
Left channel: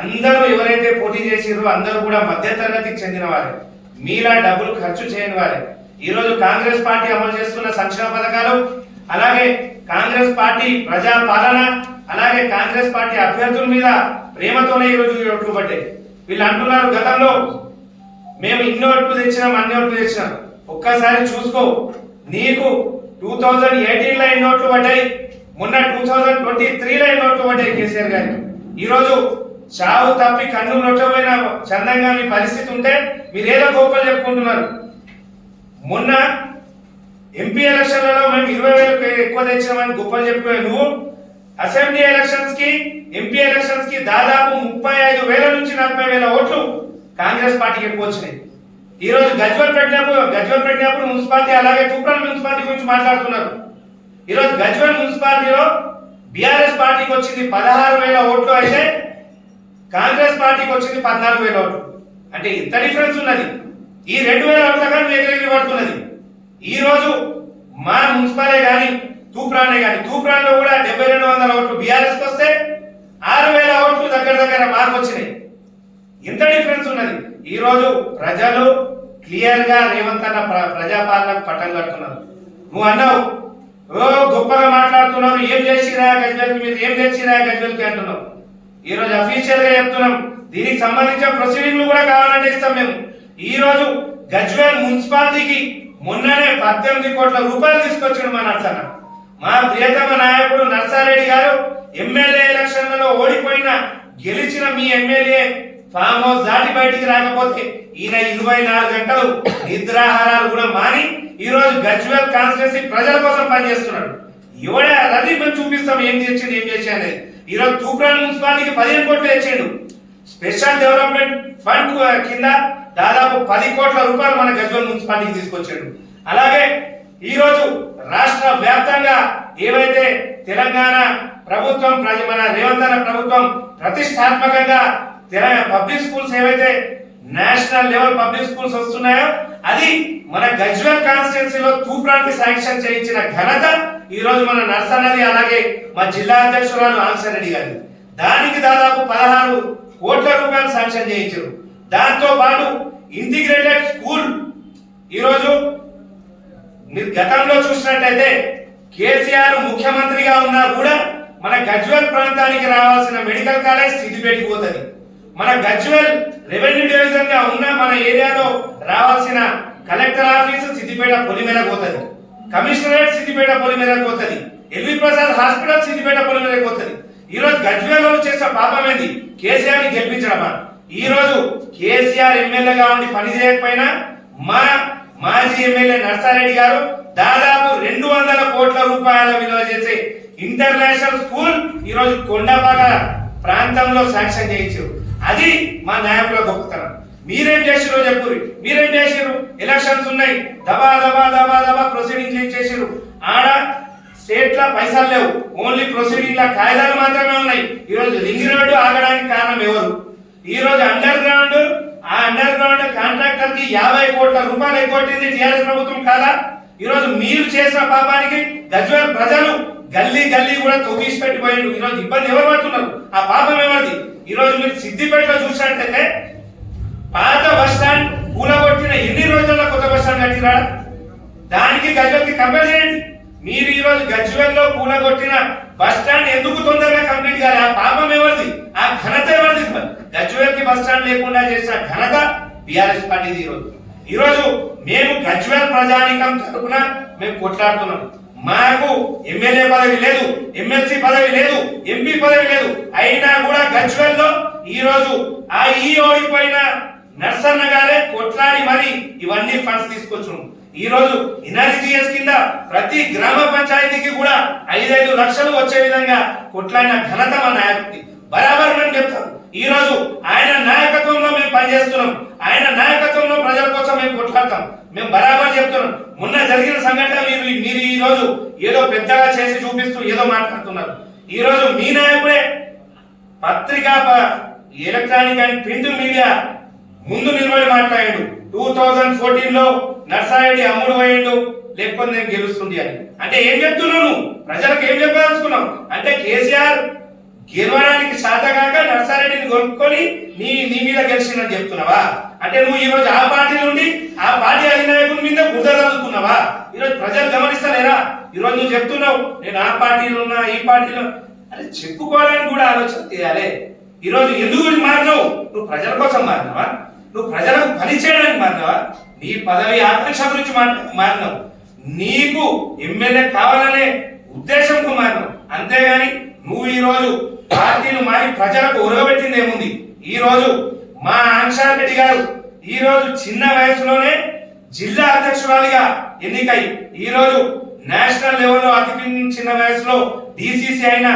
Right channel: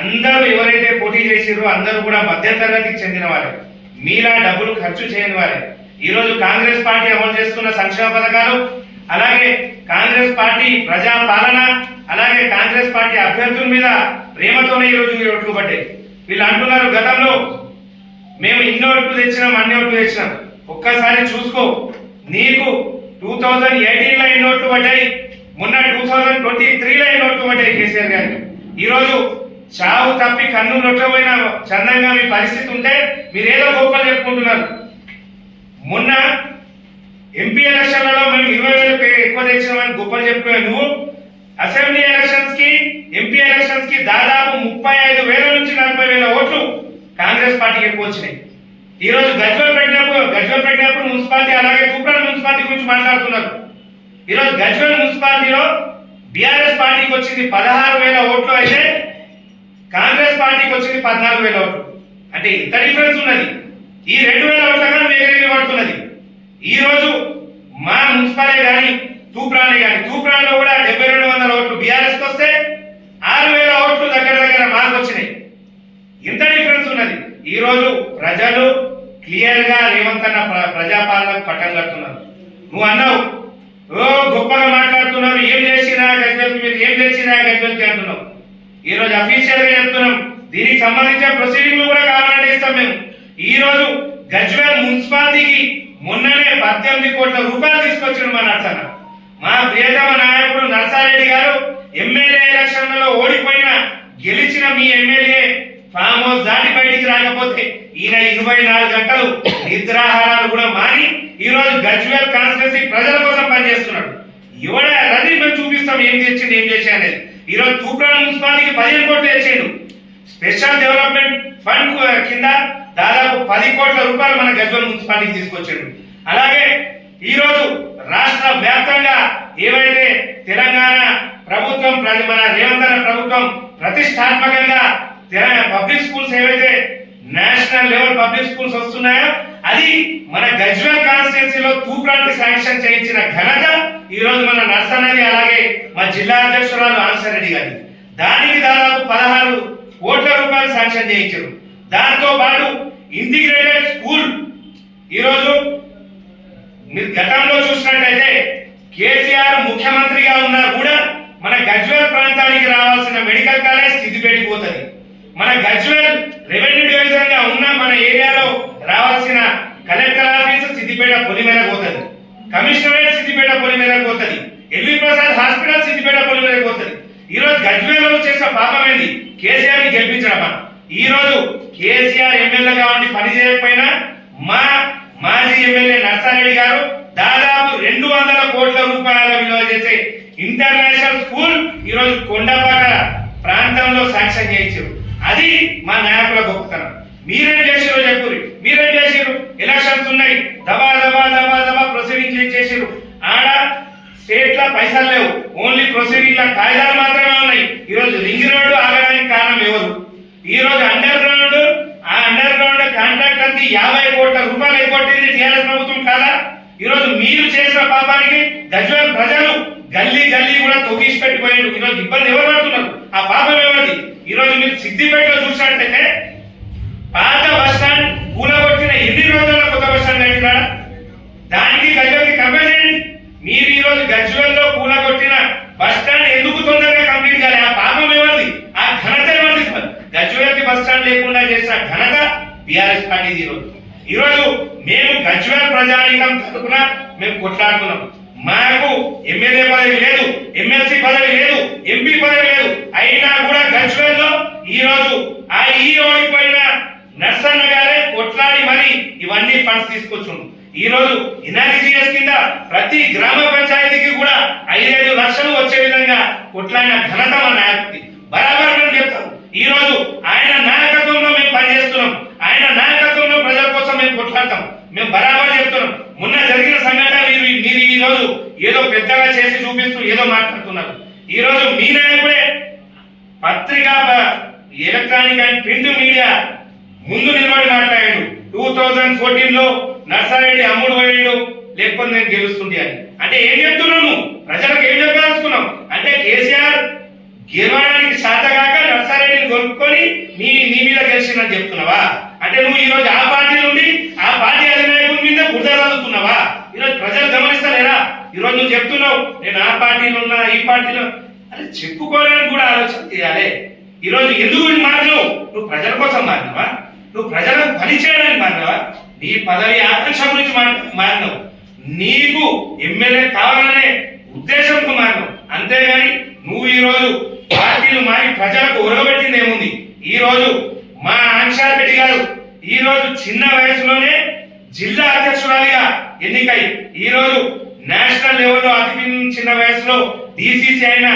అందరూ ఎవరైతే పోటీ చేసిరో అందరూ కూడా మధ్యతరగతికి చెందిన వారే, మీలా డబ్బులు ఖర్చు చేయని వారే. ఈ రోజు కాంగ్రెస్ పార్టీ అమలు చేస్తున్న సంక్షేమ పథకాలు, అలాగే కాంగ్రెస్ పార్టీ ప్రజా పాలన, అలాగే కాంగ్రెస్ పార్టీ అభ్యర్థుల మీద ప్రేమతోనే ఈ రోజు ఓట్లు పడ్డాయి. వీళ్ళు అంటున్నారు గతంలో మేము ఇన్ని ఓట్లు తెచ్చినాం, అన్ని ఓట్లు తెచ్చినాం. ఒక్కసారి చూసుకో, నీకు 2018లో ఎన్ని ఓట్లు పడ్డాయి, మొన్న 2023లో ఎన్ని ఓట్లు పడ్డాయి కేసీఆర్ గారికి. ఈరోజు చావు తప్పి కన్ను నొట్టమైన చందంగా మీ పరిస్థితి ఉంటే మీరేదో గొప్పలు చెప్పుకుంటున్నారు. మొన్న ఎంపీ ఎలక్షన్లలో మేము 20,000 ఎక్కువ తెచ్చినామని గొప్పలు చెప్పుకునే నువ్వు అసెంబ్లీ ఎలక్షన్స్ కి, ఎంపీ ఎలక్షన్స్ కి దాదాపు 35,000 నుంచి 40,000 ఓట్లు కాంగ్రెస్ పార్టీకి ఎక్కువ వచ్చినాయి. ఈ రోజు గజ్వెల్ పెట్టినప్పుడు మున్సిపాలిటీ, అలాగే తూప్రాన్ మున్సిపాలిటీ గురించి మాట్లాడుతున్నారు. ఈరోజు గజ్వెల్ మున్సిపాలిటీలో బీఆర్ఎస్ పార్టీకి వచ్చింది 16,000 ఓట్లు అయితే కాంగ్రెస్ పార్టీకి వచ్చింది 14,000 ఓట్లు. అంటే ఇంత డిఫరెన్స్ ఉన్నది. ఈ 2,000 ఓట్లుగా ఎగిరెగిరి పడుతున్నది. ఈ రోజు మా మున్సిపాలే కానీ తూప్రానే కానీ తూప్రాన్లో కూడా 7,200 ఓట్లు బీఆర్ఎస్కి వస్తే 6,000 ఓట్లు దగ్గర మార్పు వచ్చినాయి. ఇంత డిఫరెన్స్ ఉన్నది. ఈ రోజు ప్రజలు క్లియర్ గా రేవంత్ అన్న ప్రజాపాలనకు పట్టం కడుతున్నారు. నువ్వు అన్నావు గొప్పగా మాట్లాడుతున్నారు, ఏం చేసిరా గజ్వేల్కి, మీరు ఏం తెచ్చిరా గజ్వేల్కి అంటున్నావు. ఈ రోజు అఫీషియల్ గా చెప్తున్నాం, దీనికి సంబంధించిన ప్రొసీడింగ్లు కూడా కావాలంటే ఇస్తాం మేము. ఈ రోజు గజ్వేల్ మున్సిపాలిటీకి మొన్ననే 18 కోట్ల రూపాయలు తీసుకొచ్చాడు మా నర్సన్న. మా ప్రియతమ నాయకుడు నర్సారెడ్డి గారు ఎమ్మెల్యే ఎలక్షన్లలో ఓడిపోయిన గెలిచిన మీ ఎమ్మెల్యే ఫామ్ హౌస్ దాటి బయటికి రాకపోతే ఈయన 24 గంటలు నిద్రాహారాలు కూడా మాని ఈ రోజు గజ్వేల్ కాన్స్టిట్యూన్సీ ప్రజల కోసం పనిచేస్తున్నాడు. ఇవాళ రది మేము చూపిస్తాం ఏం తెచ్చింది ఏం చేసి అనేది. ఈ రోజు తూప్రాన్ మున్సిపాలిటీకి 15 కోట్లు తెచ్చిండు. స్పెషల్ డెవలప్మెంట్ ఫండ్ కింద దాదాపు 10 కోట్ల రూపాయలు మన గజ్వేల్ మున్సిపాలిటీకి తీసుకొచ్చాడు. అలాగే ఈ రోజు రాష్ట్ర వ్యాప్తంగా ఏవైతే తెలంగాణ ప్రభుత్వం మన రేవంత్ అన్న ప్రభుత్వం ప్రతిష్టాత్మకంగా పబ్లిక్ స్కూల్స్ ఏవైతే నేషనల్ లెవెల్ పబ్లిక్ స్కూల్స్ వస్తున్నాయో అది మన గజ్వేల్ కాన్స్టిట్యున్సీలో తూప్రాన్కి శాంక్షన్ చేయించిన ఘనత ఈ రోజు మన నర్సన్నది. అలాగే మా జిల్లా అధ్యక్షురాలు ఆన్సరెడ్డి గారి దానికి దాదాపు 16 కోట్ల రూపాయలు శాంక్షన్ చేయించారు. దాంతో పాటు ఇంటిగ్రేటెడ్ స్కూల్ ఈరోజు మీరు గతంలో చూసినట్టయితే కేసీఆర్ ముఖ్యమంత్రిగా ఉన్నా కూడా మన గజ్వేల్ ప్రాంతానికి రావాల్సిన మెడికల్ కాలేజ్ సిద్దిపేటకి పోతుంది. మన గజ్వేల్ రెవెన్యూ డివిజన్ గా ఉన్న మన ఏరియాలో రావాల్సిన కలెక్టర్ ఆఫీస్ సిద్దిపేట పొలిమేరకు పోతుంది, కమిషనరేట్ సిద్దిపేట పొలిమేరకు పోతుంది, ఎల్వి ప్రసాద్ హాస్పిటల్ సిద్దిపేట పొలిమేరకు పోతుంది. ఈ రోజు గజ్వేల్లో చేసిన పాపం ఏంది? కేసీఆర్ ని గెలిపించడమా? ఈ రోజు కేసీఆర్ ఎమ్మెల్యేగా ఉండి పని చేయకపోయినా మా మాజీ ఎమ్మెల్యే నర్సారెడ్డి గారు దాదాపు 200 కోట్ల రూపాయల విలువ చేసే ఇంటర్నేషనల్ స్కూల్ ఈ రోజు కొండపాక ప్రాంతంలో శాంక్షన్ చేయించారు. అది మా నాయకుల గొప్పతనం. మీరేం చేసిరో చెప్పురి, మీరేం చేసిరు? ఎలక్షన్స్ ఉన్నాయి, దబా దబా దబా దబా ప్రొసీడింగ్ చేసిరు. ఆడ స్టేట్ లా పైసలు లేవు, ఓన్లీ ప్రొసీడింగ్ లా కాగితాలు మాత్రమే ఉన్నాయి. ఈ రోజు రింగ్ రోడ్డు ఆగడానికి కారణం ఎవరు? ఈ రోజు అండర్ గ్రౌండ్ కాంట్రాక్టర్ కి 50 కోట్ల రూపాయలు ఎగ్గొట్టింది టీఆర్ఎస్ ప్రభుత్వం కాదా? ఈ రోజు మీరు చేసిన పాపానికి గజ్వేల్ ప్రజలు గల్లీ కూడా తొవ్విసి పెట్టిపోయారు. ఈ రోజు ఇబ్బంది ఎవరు పడుతున్నారు? ఆ పాపం ఎవరిది? ఈ రోజు మీరు సిద్దిపేటలో చూసినట్లయితే పాత బస్ స్టాండ్ కూలగొట్టిన ఎన్ని రోజుల్లో కొత్త బస్ స్టాండ్ కట్టినా దానికి గజ్వేల్కి కంపేర్ చేయండి. మీరు ఈ రోజు గజ్వేల్లో కూలగొట్టిన బస్ స్టాండ్ ఎందుకు తొందరగా కంప్లీట్ కాలే? ఆ పాపం ఎవరిది? ఆ ఘనత ఎవరిది? గజ్వేల్కి బస్ స్టాండ్ లేకుండా చేసిన ఘనత బీఆర్ఎస్ పార్టీది. ఈ రోజు మేము గజ్వేల్ ప్రజానీకం తరపున మేము కొట్లాడుతున్నాం. మాకు ఎమ్మెల్యే పదవి లేదు, ఎమ్మెల్సీ పదవి లేదు, ఎంపీ పదవి లేదు. అయినా కూడా గజ్వేల్లో ఈ రోజు ఆ ఈ ఓడిపోయిన నర్సన్న గారే కొట్లాడి మరి ఇవన్నీ ఫండ్స్ తీసుకొచ్చాం. ఈ రోజు ఎన్ఆర్జీఎస్ కింద ప్రతి గ్రామ పంచాయతీకి కూడా 5-5 లక్షలు వచ్చే విధంగా కొట్లాడిన ఘనత మా నాయకుడి. బరాబర్ మేము చెప్తాం. ఈ రోజు ఆయన నాయకత్వంలో మేము పనిచేస్తున్నాం, ఆయన నాయకత్వంలో ప్రజల కోసం మేము కొట్లాడతాం. మేము బరాబర్ చెప్తున్నాం. మొన్న జరిగిన సంఘటన మీరు ఈ రోజు ఏదో పెద్దగా చేసి చూపిస్తూ ఏదో మాట్లాడుతున్నారు. ఈ రోజు మీ నాయకుడే పత్రికా ఎలక్ట్రానిక్ అండ్ ప్రింట్ మీడియా ముందు నిలబడి మాట్లాడాడు. 2014లో నర్సారెడ్డి అమ్ముడు పోయాడు, లేకపోతే నేను గెలుస్తుంది అని. అంటే ఏం చెప్తున్నాను? ప్రజలకు ఏం చెప్పాలనుకున్నాం? అంటే కేసీఆర్ గెలవడానికి శాతగాక నర్సారెడ్డిని కొనుక్కొని నీ మీద గెలిచిందని చెప్తున్నావా? అంటే నువ్వు ఈ రోజు ఆ పార్టీ నుండి ఆ పార్టీ అధినాయకుడి మీద బురద చదువుతున్నావా? ఈరోజు ప్రజలు గమనిస్తలేరా? ఈరోజు నువ్వు చెప్తున్నావు నేను ఆ పార్టీలో ఉన్నా ఈ పార్టీలో, అరే చెప్పుకోవడానికి కూడా ఆలోచన చేయాలి. ఈరోజు ఎందుకు మారినావు? నువ్వు ప్రజల కోసం మారినావా? నువ్వు ప్రజలకు పని చేయడానికి మారినావా? నీ పదవి ఆకాంక్ష గురించి మారినావు. నీకు ఎమ్మెల్యే కావాలనే ఉద్దేశంతో మారినావు. అంతేగాని నువ్వు ఈ రోజు పార్టీలు మారి ప్రజలకు ఉరగబెట్టింది ఏముంది? ఈ రోజు మా ఆన్సారెడ్డి గారు ఈ రోజు చిన్న వయసులోనే జిల్లా అధ్యక్షురాలిగా ఎన్నికై ఈ రోజు నేషనల్ లెవెల్లో అతి చిన్న వయసులో డిసిసి అయిన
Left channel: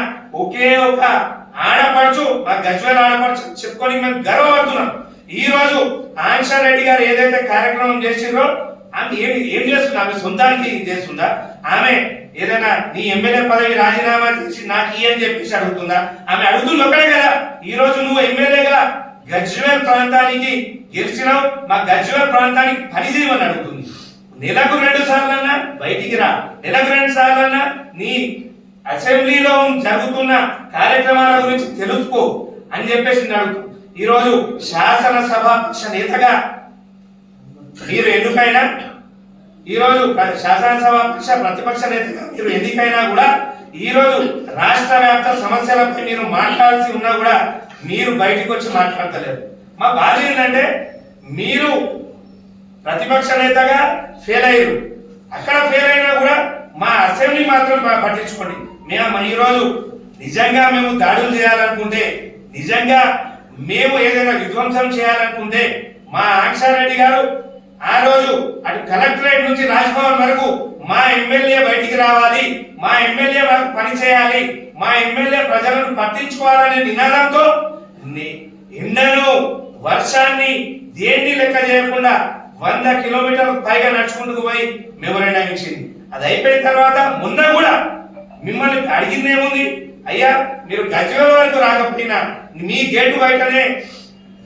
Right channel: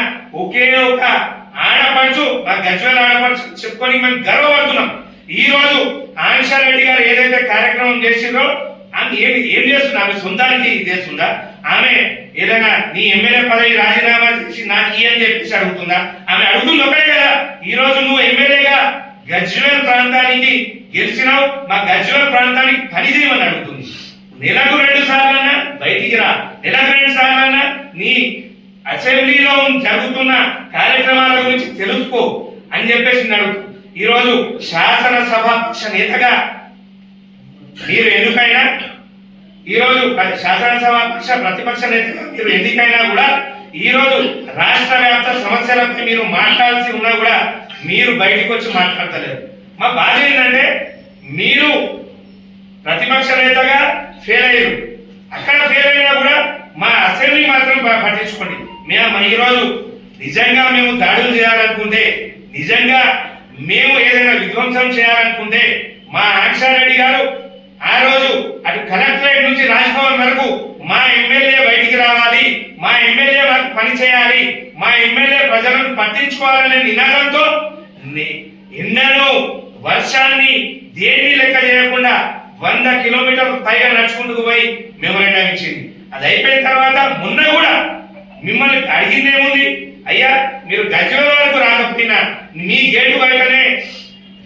ఒకే ఒక ఆడపడుచు, మా గజ్వేల్ ఆడపడుచు చెప్పుకొని మేము గర్వపడుతున్నాం. ఈ రోజు ఆన్సారెడ్డి గారు ఏదైతే కార్యక్రమం చేసిందో ఆమె ఏం చేస్తుందా? ఆమె సొంతానికి చేస్తుందా? ఆమె ఏదైనా నీ ఎమ్మెల్యే పదవి రాజీనామా చేసి నాకు అని చెప్పేసి అడుగుతుందా? ఆమె అడుగుతుంది ఒకటే కదా, ఈ రోజు నువ్వు ఎమ్మెల్యేగా గజ్వేల్ ప్రాంతానికి గెలిచినావు, మా గజ్వేల్ ప్రాంతానికి పని చేయమని అడుగుతుంది. నెలకు 2 సార్లన్నా బయటికి రా, నెలకు 2 సార్లన్నా నీ అసెంబ్లీలో జరుగుతున్న కార్యక్రమాల గురించి తెలుసుకో అని చెప్పేసి అడుగుతుంది. ఈరోజు శాసనసభ పక్ష నేతగా మీరు ఎన్నికైనా, ఈరోజు శాసనసభ పక్ష ప్రతిపక్ష నేతగా మీరు ఎన్నికైనా కూడా ఈరోజు రాష్ట్ర వ్యాప్త సమస్యలపై మీరు మాట్లాడాల్సి ఉన్నా కూడా మీరు బయటకు వచ్చి మాట్లాడతలేరు. మా బాధ ఏంటంటే మీరు ప్రతిపక్ష నేతగా ఫెయిల్ అయ్యారు, అక్కడ ఫెయిల్ అయినా కూడా మా అసెంబ్లీ మాత్రం పట్టించుకోండి. మేము ఈరోజు నిజంగా మేము దాడులు చేయాలనుకుంటే, నిజంగా మేము ఏదైనా విధ్వంసం చేయాలనుకుంటే మా ఆంక్షారెడ్డి గారు ఆ రోజు అటు కలెక్టరేట్ నుంచి రాజ్భవన్ వరకు మా ఎమ్మెల్యే బయటికి రావాలి, మా ఎమ్మెల్యే వారికి పని చేయాలి, మా ఎమ్మెల్యే ప్రజలను పట్టించుకోవాలనే నినాదంతో ఎండను వర్షాన్ని దేన్ని లెక్క చేయకుండా 100 కిలోమీటర్లు పైగా నడుచుకుంటూ పోయి మెమోరాండం ఇచ్చింది. అది అయిపోయిన తర్వాత మొన్న కూడా మిమ్మల్ని అడిగింది ఏముంది, అయ్యా మీరు గజ్వేల్ వరకు రాకపోయినా మీ గేటు బయటనే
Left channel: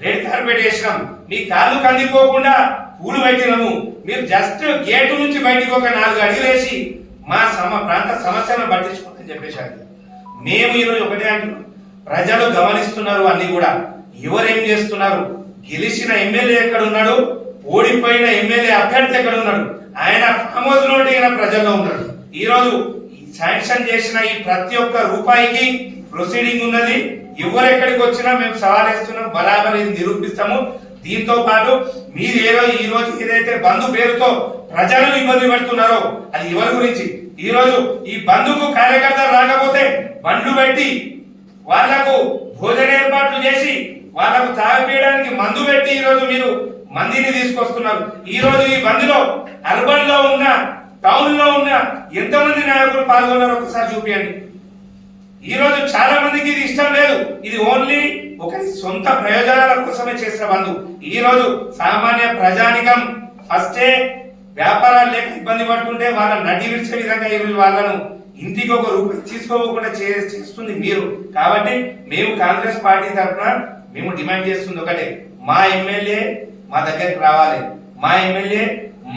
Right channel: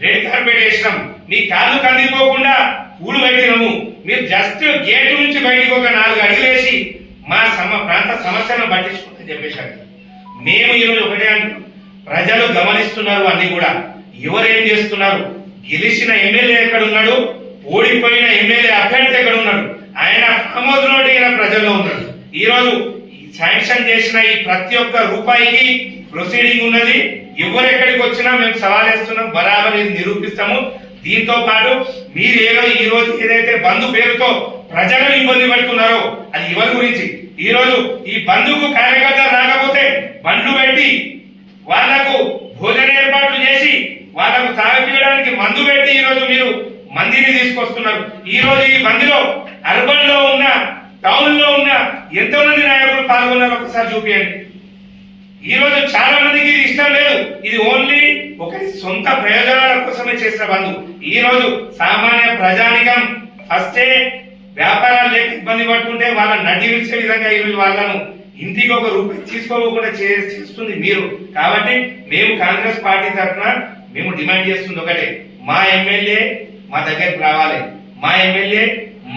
రెడ్ కార్పెట్ వేసినాం, మీ కాళ్ళు కందిపోకుండా పూలు పెట్టినాము, మీరు జస్ట్ గేటు నుంచి బయటికి ఒక 4 అడుగులు వేసి మా ప్రాంత సమస్యలను పట్టించుకుంటామని చెప్పేశారు. మేము ఈరోజు ఒకటే అంటున్నాం, ప్రజలు గమనిస్తున్నారు అన్ని కూడా, ఎవరేం చేస్తున్నారు, గెలిచిన ఎమ్మెల్యే ఎక్కడ ఉన్నాడు, ఓడిపోయిన ఎమ్మెల్యే అభ్యర్థి ఎక్కడ ఉన్నాడు, ఆయన ఫామ్ హౌస్ లో ప్రజల్లో ఉన్నాడు. ఈరోజు శాంక్షన్ చేసిన ఈ ప్రతి ఒక్క రూపాయికి ప్రొసీడింగ్ ఉన్నది. ఎవరెక్కడికి వచ్చినా మేము సవాలేస్తున్నాం, బరాబర్ ఇది నిరూపిస్తాము. దీంతో పాటు మీరు ఈ రోజు ఏదైతే బంధు పేరుతో ప్రజలను ఇబ్బంది పెడుతున్నారో అది ఎవరి గురించి? ఈ రోజు ఈ బంధుకు కార్యకర్తలు రాకపోతే బండ్లు పెట్టి వాళ్లకు భోజన ఏర్పాట్లు చేసి వాళ్లకు తాగిపీయడానికి మందు పెట్టి ఈ రోజు మీరు మందిని తీసుకొస్తున్నారు. ఈ రోజు ఈ బంద్లో అర్బన్ లో ఉన్న, టౌన్ లో ఉన్న ఎంతమంది నాయకులు పాల్గొన్నారు ఒకసారి చూపించండి. ఈ రోజు చాలా మందికి ఇది ఇష్టం లేదు, ఇది ఓన్లీ ఒకరి సొంత ప్రయోజనాల కోసమే చేసిన బంధు. ఈ రోజు సామాన్య ప్రజానికం ఫస్టే వ్యాపారాలు లేక ఇబ్బంది పడుతుంటే వాళ్ళని నడ్డి విడిచే విధంగా ఈ రోజు వాళ్ళను ఇంటికి ఒక రూపాయి తీసుకోకుండా చేస్తుంది మీరు. కాబట్టి మేము కాంగ్రెస్ పార్టీ తరఫున మేము డిమాండ్ చేస్తుంది ఒకటే, మా ఎమ్మెల్యే మా దగ్గరికి రావాలి, మా ఎమ్మెల్యే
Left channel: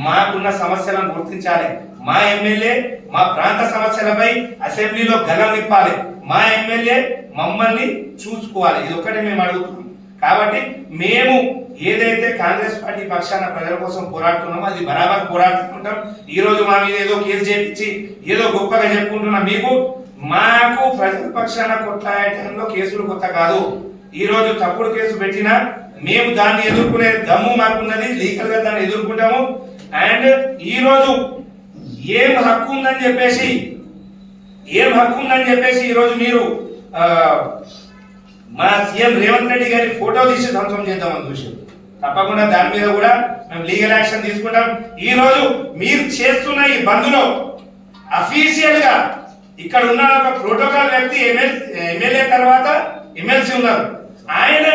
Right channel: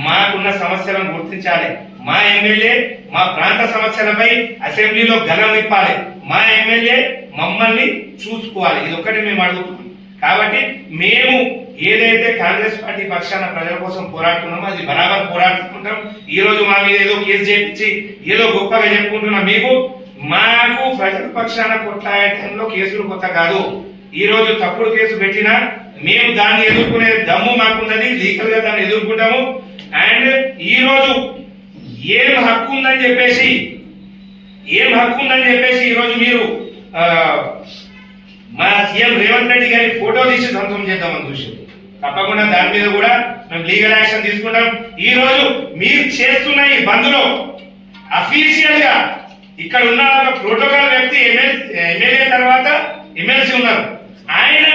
మాకున్న సమస్యలను గుర్తించాలి, మా ఎమ్మెల్యే మా ప్రాంత సమస్యలపై అసెంబ్లీలో గలం ఇప్పాలి, మా ఎమ్మెల్యే మమ్మల్ని చూసుకోవాలి. ఇది ఒక్కటే మేము అడుగుతున్నాం. కాబట్టి మేము ఏదైతే కాంగ్రెస్ పార్టీ పక్షాన ప్రజల కోసం పోరాడుతున్నామో అది బరాబర్ పోరాడుతుంటాం. ఈ రోజు మా మీద ఏదో కేసు చేయించి ఏదో గొప్పగా చెప్పుకుంటున్నాం. మాకు ప్రజల పక్షాన కొట్లాడటంలో కేసులు కొత్త కాదు. ఈ రోజు తప్పుడు కేసు పెట్టినా మేము దాన్ని ఎదుర్కొనే దమ్ము మాకున్నది, లీగల్ గా దాన్ని ఎదుర్కొంటాము. అండ్ ఈ రోజు ఏం హక్కు ఉందని చెప్పేసి ఈ రోజు మీరు మా సీఎం రేవంత్ రెడ్డి గారి ఫోటో తీసి ధ్వంసం చేద్దామని చూసాం. తప్పకుండా దాని మీద కూడా మేము లీగల్ యాక్షన్ తీసుకుంటాం. ఈ రోజు మీరు చేస్తున్న ఈ బంద్లో అఫీషియల్ గా ఇక్కడ ఉన్న ఒక ప్రోటోకాల్ వ్యక్తి ఎమ్మెల్యే తర్వాత ఎమ్మెల్సీ ఉన్నారు, ఆయన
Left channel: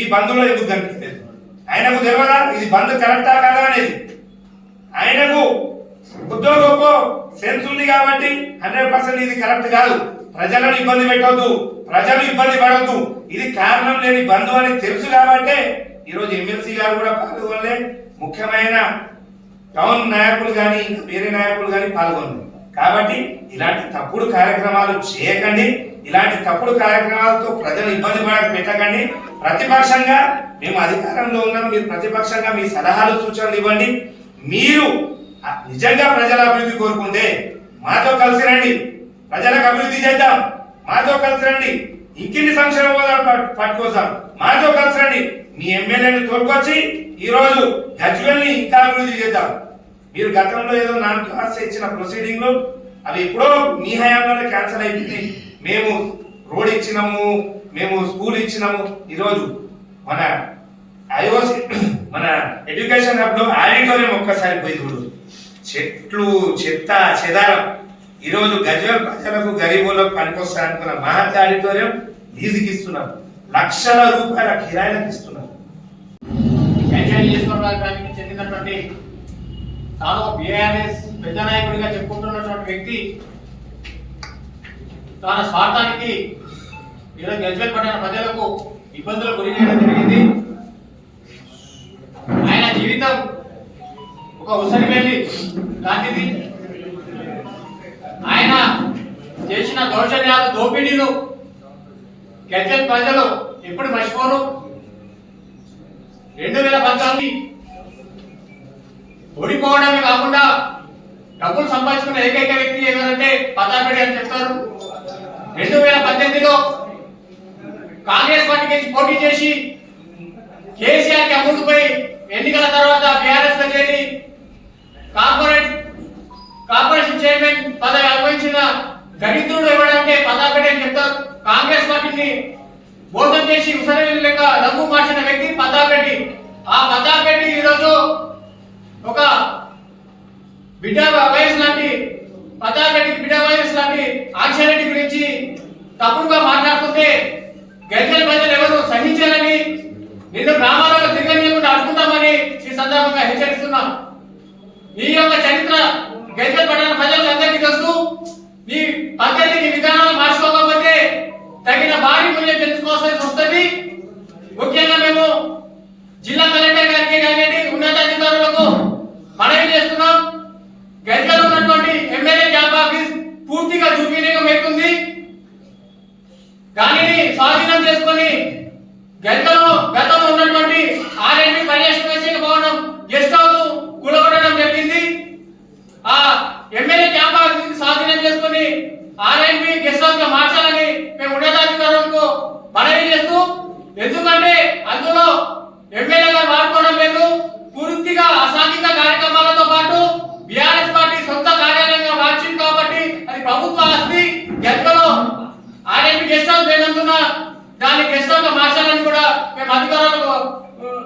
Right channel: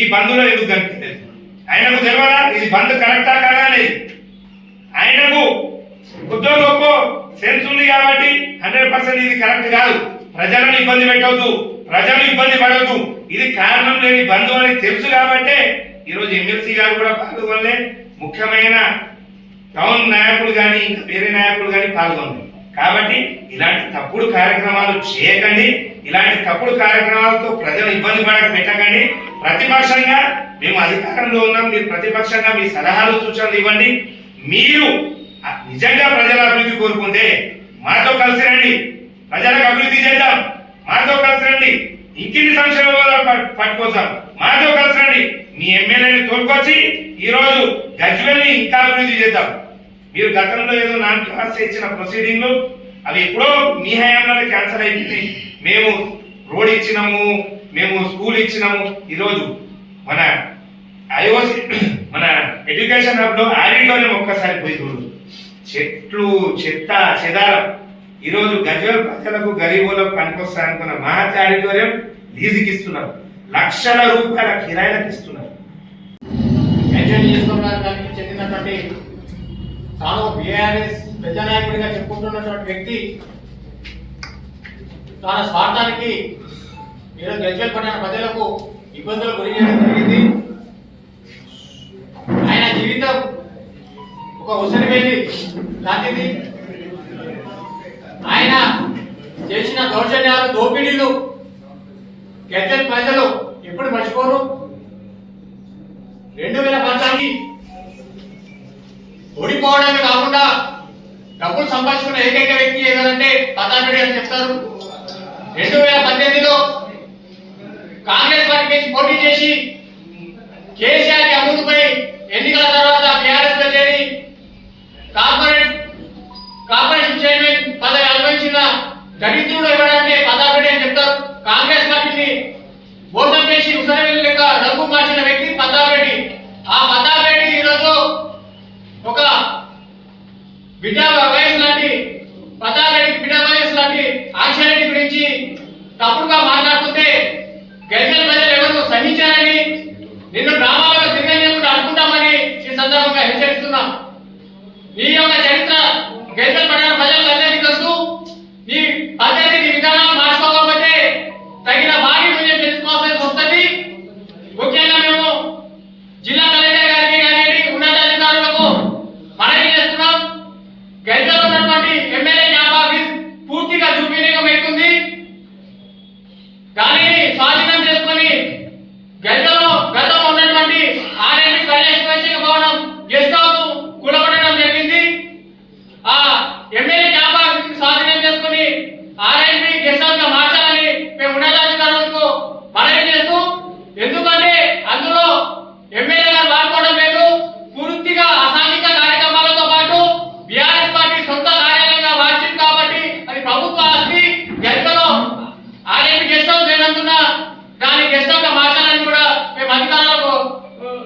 ఈ బంద్లో ఎందుకు కనిపించలేదు? ఆయనకు తెలియదా ఇది బంద్ కరెక్టా కాదా అనేది? ఆయనకు కొద్దో గొప్ప సెన్స్ ఉంది కాబట్టి 100% ఇది కరెక్ట్ కాదు, ప్రజలను ఇబ్బంది పెట్టవద్దు, ప్రజలు ఇబ్బంది పడవద్దు, ఇది కారణం లేని బంధు అని తెలుసు కాబట్టి ఈరోజు ఎమ్మెల్సీ గారు కూడా పాల్గొనలే, ముఖ్యమైన టౌన్ నాయకులు కానీ ఇంకా వేరే నాయకులు కానీ పాల్గొనలేదు. కాబట్టి ఇలాంటి తప్పుడు కార్యక్రమాలు చేయకండి, ఇలాంటి తప్పుడు కార్యక్రమాలతో ప్రజలు ఇబ్బంది పెట్టకండి. ప్రతిపక్షంగా మేము అధికారంలో ఉన్నాం, మీరు ప్రతిపక్షంగా మీ సలహాలు సూచనలు ఇవ్వండి. మీరు నిజంగా ప్రజల అభివృద్ధి కోరుకుంటే మాతో కలిసి రండి, ప్రజలకు అభివృద్ధి చేద్దాం, మాతో కలిసి రండి, ఇంకిన్ని సంక్షేమాలు పట్టుకొస్తాం, మాతో కలిసి రండి, మీ ఎమ్మెల్యేని తోడుకొచ్చి ఈరోజు గజ్వేల్ని ఇంకా అభివృద్ధి చేద్దాం. మీరు గతంలో ఏదో నాన్ క్లాస్ ఇచ్చిన ప్రొసీడింగ్లు అవి ఎప్పుడో మీ హయాంలోనే క్యాన్సిల్ అయిపోయింది. మేము రోడ్ ఇచ్చినాము, మేము స్కూల్ ఇచ్చినాము. ఈరోజు మన ఐఓసి మన ఎడ్యుకేషన్ హబ్ లో ఆడిటోరియం ఒక్కసారి పోయి చూడు, చెట్లు చెత్త చెదారం. ఈరోజు గజ్వేల్ ప్రజలకు గరీబులకు పనికొస్తారనుకున్న మహత్ ఆడిటోరియం లీజుకి ఇస్తున్నారు, లక్షల రూపాయల కిరాయిలకు ఇస్తున్నారు. చెందినటువంటి తాను బీఆర్ఎస్ పెద్ద నాయకుడిగా చెప్పుకుంటున్నటువంటి వ్యక్తి తన స్వార్థానికి ఈరోజు గజ్వేల్ పట్టణ ప్రజలకు ఇబ్బందులు గురి చేయడం జరిగింది. ఆయన జీవితం ఒక ఉసరి వెళ్ళి లాంటిది. ఆయన చేసిన దౌర్జన్యాలు, దోపిడీలు గజ్వేల్ ప్రజలు ఎప్పుడు మర్చిపోరు. 2014 ఓడిపోవడమే కాకుండా డబ్బులు సంపాదించుకున్న ఏకైక వ్యక్తి ఏదంటే పతాపరెడ్డి అని చెప్తారు. 2018లో కాంగ్రెస్ పార్టీకి పోటీ చేసి కేసీఆర్ కి అమ్ముడుపై ఎన్నికల తర్వాత బీఆర్ఎస్ లో చేరి కార్పొరేషన్ చైర్మన్ పదవి అనుభవించిన దరిద్రుడు ఎవరంటే పతాపరెడ్డి అని చెప్తారు. కాంగ్రెస్ పార్టీని మోసం చేసి ఉసరవేలు లెక్క రంగు మార్చిన వ్యక్తి పతాపరెడ్డి. ఆ పతాపరెడ్డి ఈరోజు ఒక బిడ్డ వయసు లాంటి పతాపరెడ్డికి బిడ్డ వయసు లాంటి ఆక్షన్ రెడ్డి గురించి తప్పుడుగా మాట్లాడుతుంటే గజ్వేల్ ప్రజలు ఎవరు సహించారని, నిన్ను గ్రామాలలో తిరగకుండా అడుగుతామని ఈ సందర్భంగా హెచ్చరిస్తున్నాం. నీ యొక్క చరిత్ర గజ్వేల్ పట్టణ ప్రజలందరికీ తెలుసు. నీ పద్ధతి, నీ విధానాలు మార్చుకోకపోతే తగిన భారీ మూల్యం తెలుసుకోవాల్సి వస్తుంది. ముఖ్యంగా మేము జిల్లా కలెక్టర్ గారికి కానీ ఉన్నతాధికారులకు మనవి చేస్తున్నాం. గజ్వేల్ ఉన్నటువంటి ఎమ్మెల్యే క్యాంప్ ఆఫీస్ పూర్తిగా దుర్వినియోగం అవుతుంది. దానిని స్వాధీనం చేసుకొని గతంలో ఉన్నటువంటి ఆర్ఎంపీ పర్యవేక్షణ భవనం గెస్ట్ హౌస్ కూలగొట్టడం జరిగింది. ఆ ఎమ్మెల్యే క్యాంప్ ఆఫీస్ స్వాధీనం చేసుకుని ఆర్ఎంపీ గెస్ట్ హౌస్ గా మార్చాలని మేము ఉన్నతాధికారులకు మనవి చేస్తూ, ఎందుకంటే అందులో ఎమ్మెల్యే గారు వాడుకోవడం లేదు. పూర్తిగా అసాంఘిక కార్యక్రమాలతో పాటు బీఆర్ఎస్ పార్టీ సొంత కార్యాలయంగా మార్చింది కాబట్టి అది ప్రభుత్వ ఆస్తి. గతంలో ఆర్ఎంపీ గెస్ట్ హౌస్ లేనందున దాన్ని గెస్ట్ హౌస్ గా మార్చాలని కూడా మేము అధికారులకు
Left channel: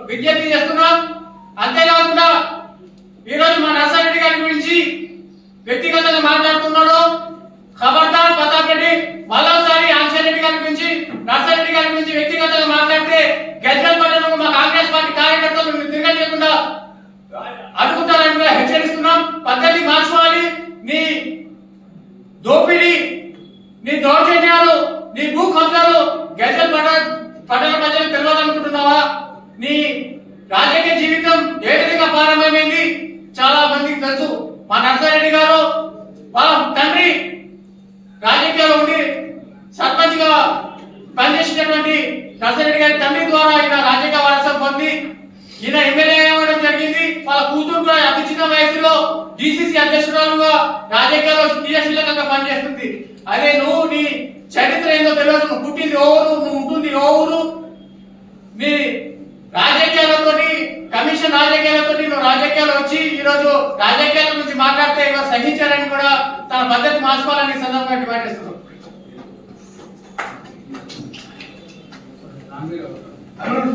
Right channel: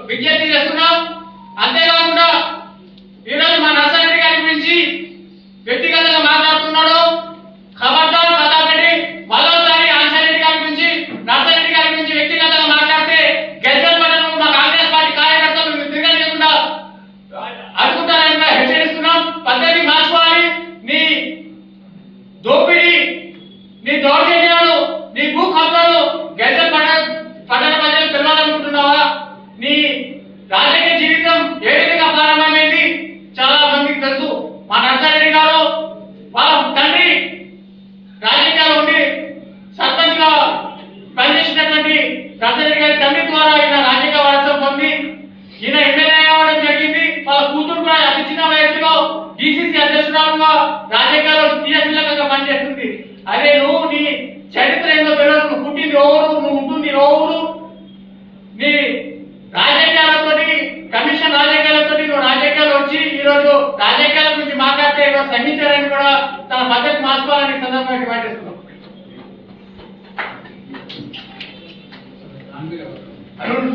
విజ్ఞప్తి చేస్తున్నాం. అంతేకాకుండా ఈరోజు మా నర్సారెడ్డి గారి గురించి వ్యక్తిగతంగా మాట్లాడుతున్నాడు. ఖబర్దార్ పతాపరెడ్డి మరోసారి ఆన్సరెడ్డి గారి గురించి, నర్సారెడ్డి గారి గురించి వ్యక్తిగతంగా మాట్లాడితే గజ్వేల్ పట్టణంలో మా కాంగ్రెస్ పార్టీ కార్యకర్తలు తిరగలేకుండా అడుగుతారని కూడా హెచ్చరిస్తున్నాం. పద్ధతి మార్చుకోవాలి. నీ దోపిడీ, నీ దౌర్జన్యాలు, నీ భూ కబ్జాలు గజ్వేల్ పట్టణ ప్రజలకు తెలవాలనుకుంటున్నావా? నీ రాజకీయ జీవితం ఏ విధంగా ప్రారంభమైంది చాలా మందికి తెలుసు. మా నర్సారెడ్డి గారు వాళ్ళ తండ్రి రాజకీయాలు ఉండి సర్పంచ్ గా పనిచేసినటువంటి నర్సారెడ్డి గారి తండ్రి ద్వారా ఈయన రాజకీయ వారసత్వం పొంది ఈయన ఎమ్మెల్యే అవ్వడం జరిగింది. వాళ్ళ కూతురు కూడా అతి చిన్న వయసులో డిసిసి అధ్యక్షురాలుగా రాజకీయాల్లో క్రియాశీలకంగా పనిచేస్తుంది. అదే నువ్వు నీ చరిత్ర ఏందో తెలియదు. నువ్వు పుట్టింది ఓరు, నువ్వు ఉంటుంది ఓరు. నీ రాజకీయాలతోటి, కమిషన్ రాజకీయాలతోటి నువ్వు రాజకీయాలు వచ్చి ఈరోజు రాజకీయాల గురించి మాట్లాడితే ఈరోజు సహించారని కూడా తన పద్ధతి మార్చుకోవాలని సందర్భంగా డిమాండ్ చేస్తున్నాం. అరుణ్